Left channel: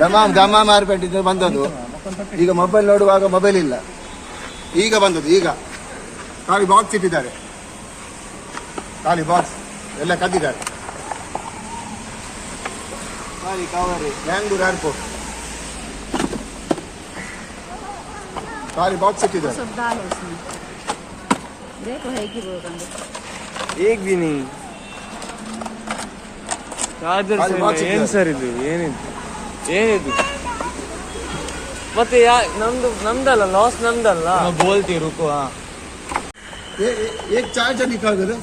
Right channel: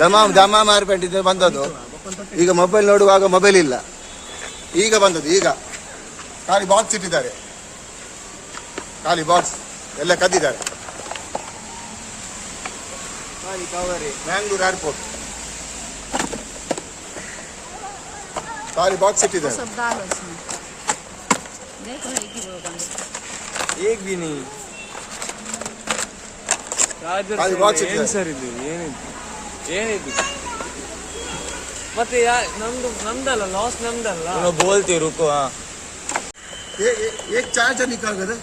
Dammam ದಮಾ ಮಾರ್ಪೇಟಿಂದ ಬಂದದ್ದು ಈಗ mobile ನೋಡುವಾಗ ಮೊಬೈಲ್ ಇಲ್ಲ ಈಗ ಬಂದದ್ದು ಈಗ ಖಾಲಿ ಬಾಕ್ಸ್ ಇಟ್ಟಿದ್ದಾರೆ ಖಾಲಿ ಬಾಕ್ಸ್ ಎಲ್ಲ ಕದ್ದಿದ್ದಾರೆ ಖಾಲಿ ಕವರಿ ಬ್ಯಾಂಗ್ಳೂರ್ ಏರ್ಪೋರ್ಟ್ ಖಾಲಿ ಬಾಕ್ಸ್ ಇಟ್ಟಿದ್ದಾರೆ सब बाल है ಚಾರ್ಜರ್ ಅದು watch ಏನ್ ಇದೆ. ಸರ್ ಇದು ಏನಿದು ಏನಿದು ಮತ್ತೆ ಯಾ ನಮ್ದು ನಮ್ದಲ್ಲ ಲಾಸ್ ನಮ್ದಲ್ಲ बोलती रुको हाँ ये ये- एक चार्जर निकाल दे रहे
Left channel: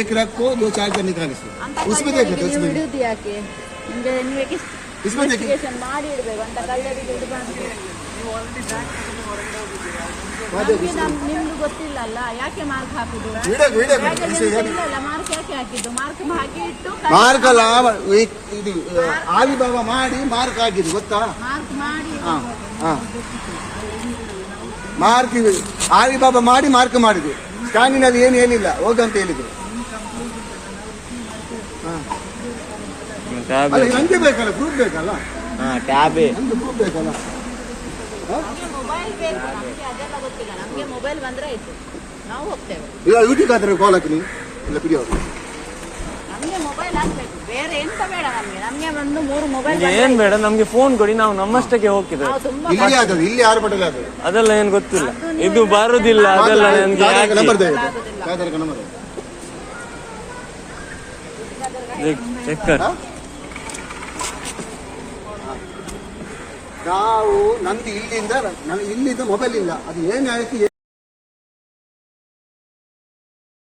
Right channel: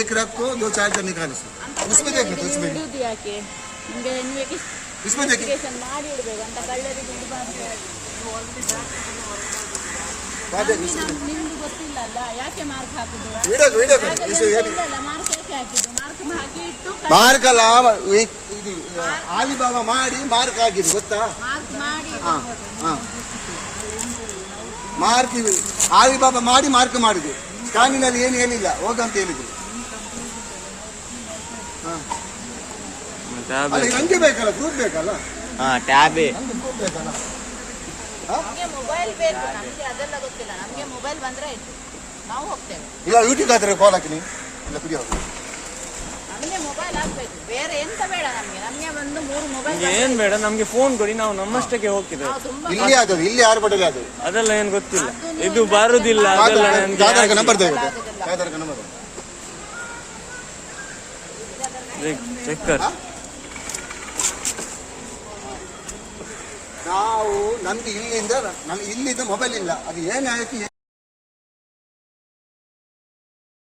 एक रखो दो चार्जर निकाल इसमें उसमें देखो तो उसमें ಇನ್ವೆಸ್ಟಿಗೇಷನ್ ಮಾಡಿ ಇಡಬೇಕು ಅಂತ ಗೊತ್ತಿಲ್ಲಲ್ಲ ಯಾಕೆ ಮಾರ್ಕ್ ಹಾಕುದು ಇಲ್ಲ ಇದು ಮಾಡಿ ಮಾರ್ಕ್ ಆಗಿದೆ ಗೊತ್ತಾ? ಮಾರ್ಕ್ ಮಾಡಿ ಮಾರ್ಕ್ ಮಾಡಿ ಮಾರ್ಕ್ ಮಾಡಿದ್ವಿ ಸ್ಕ್ಯಾನಿನಲ್ಲಿ ಏನು ಏನಿಲ್ಲ. ಹೋಗಂತ ಹೇಳಿದ್ರು. ಹಾ. ಏನ್ ಬೇಡ ನಮ್ಗೆ ಫೋನ್ ಕೊಡಿ ನಾವು ನಮ್ಮಷ್ಟಕ್ಕೆ ಹೋಗ್ತಿದ್ದೇವೆ. ಅದೆಲ್ಲ ಏನ್ ಗೊತ್ತಿಲ್ಲ. ಇದು ಬರುದಿಲ್ಲ ಅದೆಲ್ಲ ನನ್ಗೆ ಚೆಕ್ಕರ್ ನಾವು ನಂದು ಇಲ್ಲಿಂದ ನನಗೆ ಇಲ್ಲಿದ್ದು ಮೊಬೈಲ್ ಇಲ್ಲ ಅದು ಏನು ಆಯ್ತು